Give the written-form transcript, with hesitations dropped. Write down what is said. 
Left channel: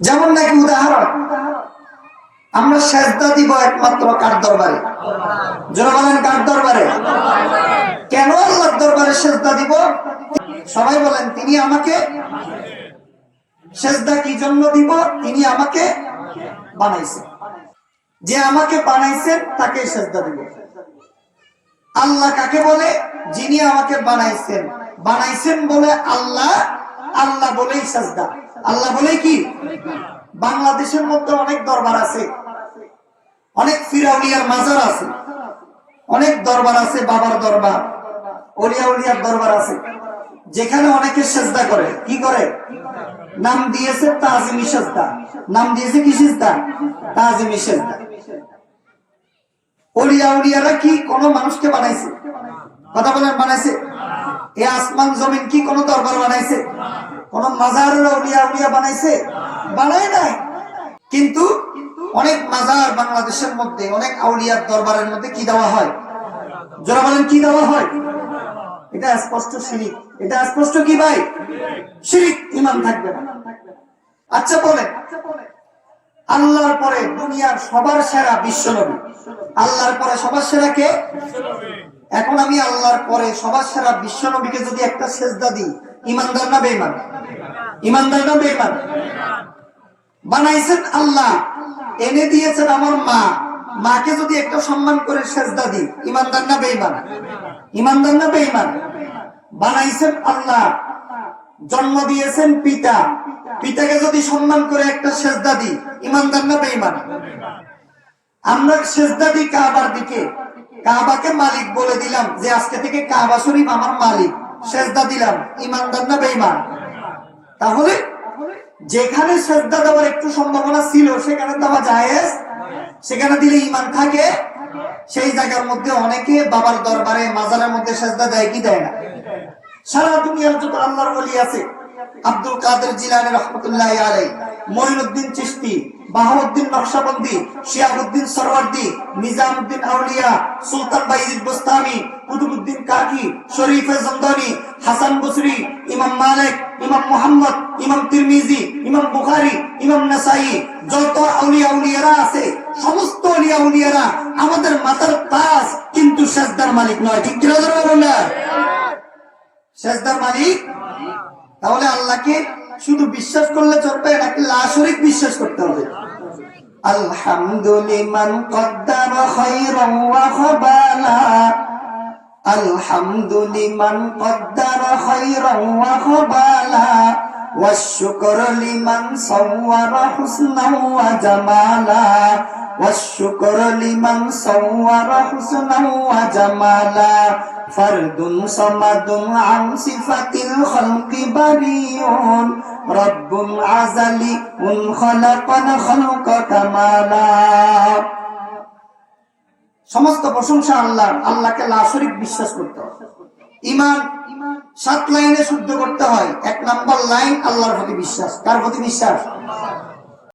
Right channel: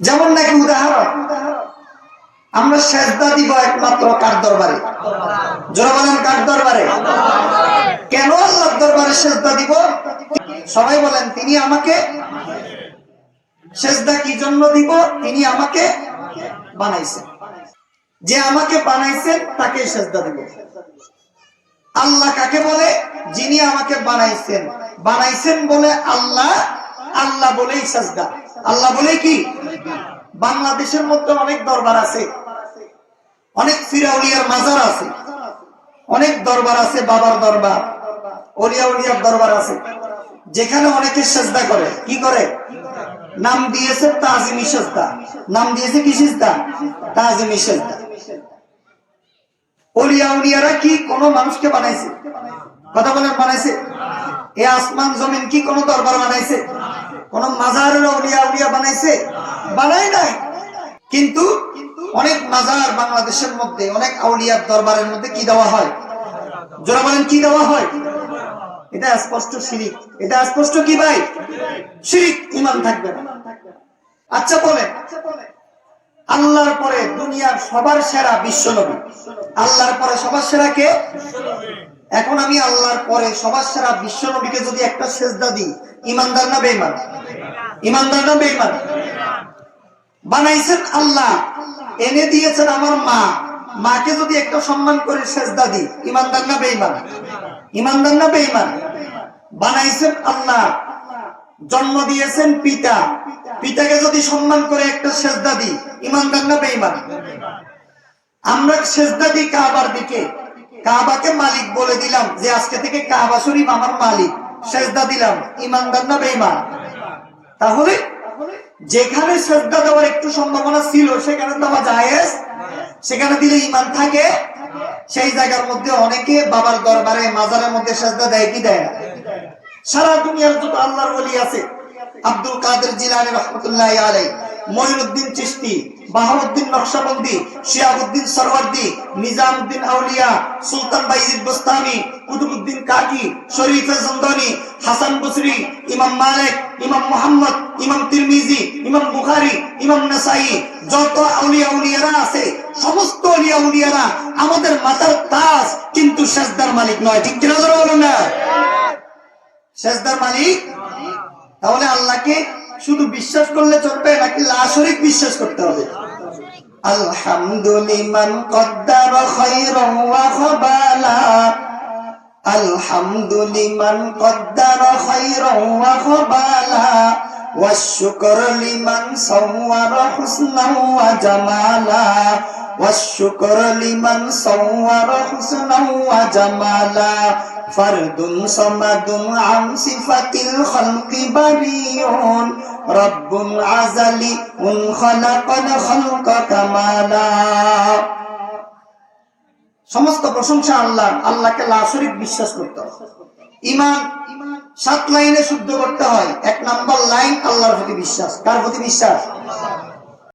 যেমন নাকি উদাহরণ, আমরা সেজদা দিব একমাত্র কার দরবারে? যারা বলেন কার দরবারে? কেন আল্লাহর দরবারে সেজদা দিব? সবাই বলেন তিনি আমাকে। সেজদা কি জন্য দিব? তিনি আমাকে বানাইছেন। যে আমাকে বানাইছেন তাকে সেজদা দিব। আল্লাহ কাকে বলে? যিনি আমাকে বানাইছেন। বানাইছেন বলে আল্লাহ, আল্লাহ বলেই সেজদা। আল্লাহ বলে কি? বাংলাদেশের মধ্যে অনেক দরবার আছে, অনেক ফিরাউলিয়ার মাজার আছে, অনেক দরবার আছে, বাবার দরবার, ওলিয়া উলিয়ার দরবার আছে, যেখানে অনেকে সেজদা করে। কি করে? নাম দিয়েছে তাজিমি সেজদা। নাম দিয়েছে কি সেজদা? তাজিমি সেজদা। ওলিয়া উলিয়ারা কি কোন মানুষকে বানাইছে? কথা বলেন, বানাইছে? এই আসমান জমিন কি কোন দরবার বানাইছে? কোন মাজারের ওলিয়া উলিয়া বানাইছে? বানায় নাই। কিন্তু অনেক মাজার বাংলাদেশের মধ্যে, অনেক আউলিয়ার দরবারের মধ্যে কি দেওয়া হয়? যারা বলেন কি দেওয়া হয়? এটা স্পষ্ট শিরিক। এটা স্পষ্ট কি ভাই? শিরিক। ঈমান থাকবে না। আচ্ছা বলেন, আল্লাহর পরে দুনিয়ার সবার সেরা বিশ্ব নবী, আল্লাহর পরে সবার সেরা কে? এখন আমি আল্লাহর পরে সবার সেরা বিশ্ব নবীকে যদি একটা সেজদা দিই, ঈমানদার না বেঈমান? ঈমানদার না বেঈমান? বানাইছেন আল্লাহ, এনে দিয়েছেন আমার মা, মাকে যদি একটা সম্মান করে সেজদা দিই, ঈমানদার না বেঈমান? ঈমানদার না বেঈমান? বানাইছেন আল্লাহ, জন্ম দিয়েছেন পিতা, পিতাকে যদি সম্মান করে একটা সেজদা দিই, ঈমানদার না বেঈমান? আমরা সেজদা দিই কাবার দিকে, কাবাকে মালিক বলে দিলাম যে আজকে থেকে কাবা শরীফ আমার মালিক, সেজদা দিলাম, ঈমানদার না বেঈমান? তাহলে যেখানে সেজদা দেওয়ার একটু সম্ভাবনা ছিল সেখানে দেওয়া জায়েজ, সেখানে দিলে ঈমান থাকে। সেই জায়গার মধ্যে অনেকে বাবার দরবারে, মাজারের মধ্যে সেজদা দেয় কি দেয় না? সারা দুনিয়ার যত আল্লাহর ওলি আছে, আব্দুল কাদের জিলানী রাহমাতুল্লাহি আলাইহি, মঈনুদ্দিন চিশতি, বাহাউদ্দিন নকশবন্দি, শিহাবুদ্দিন সরওয়ার্দি, নিজামউদ্দিন আউলিয়া, সুলতান বাইজিদ বুস্তামি, কুতুবউদ্দিন কাকি, শরীফে জমদানি, হাসান বসরি, ইমাম মালিক, ইমাম মুহাম্মদ, ইমাম তিরমিজি, ইমাম বুখারী, ইমাম নাসাই, যত আউলিয়া উলিয়ারা আছে, সমস্ত আউলিয়া উলিয়ারা আমাদের মাথার তাজ, কিন্তু সেজদার মালিক নয়। ঠিক কিনা বলুন না? সেজদার মালিক। তাহলে আল্লাহকে শুধু বিশ্বাস করলে চলবে নাকি লা শরীক বিশ্বাস করতে হবে? আলহামদুলিমান কদ্দারা খায়রান ওয়া খাবালা, আলহামদুলিমান কদ্দারা খায়রান ওয়া খাবালা, ওয়াশ-শুকর লিমান সাওয়ারা হুসনান ওয়া জামালা, ওয়াশ-শুকর লিমান সাওয়ারা হুসনান ওয়া জামালা, ফারদুন সামাদুন আন সিফাতিল খালকি বারিউন, রব্বুন আযালি উন খালাকাল খালকা কামালা। সমস্ত প্রশংসা আল্লাহর। আল্লাহকে লা শরীক বিশ্বাস করতে হবে। ঈমান 7 লাইনে শুদ্ধ করতে হয়। 1 নাম্বার লাইন আল্লাহর প্রতি বিশ্বাস। কার প্রতি বিশ্বাস?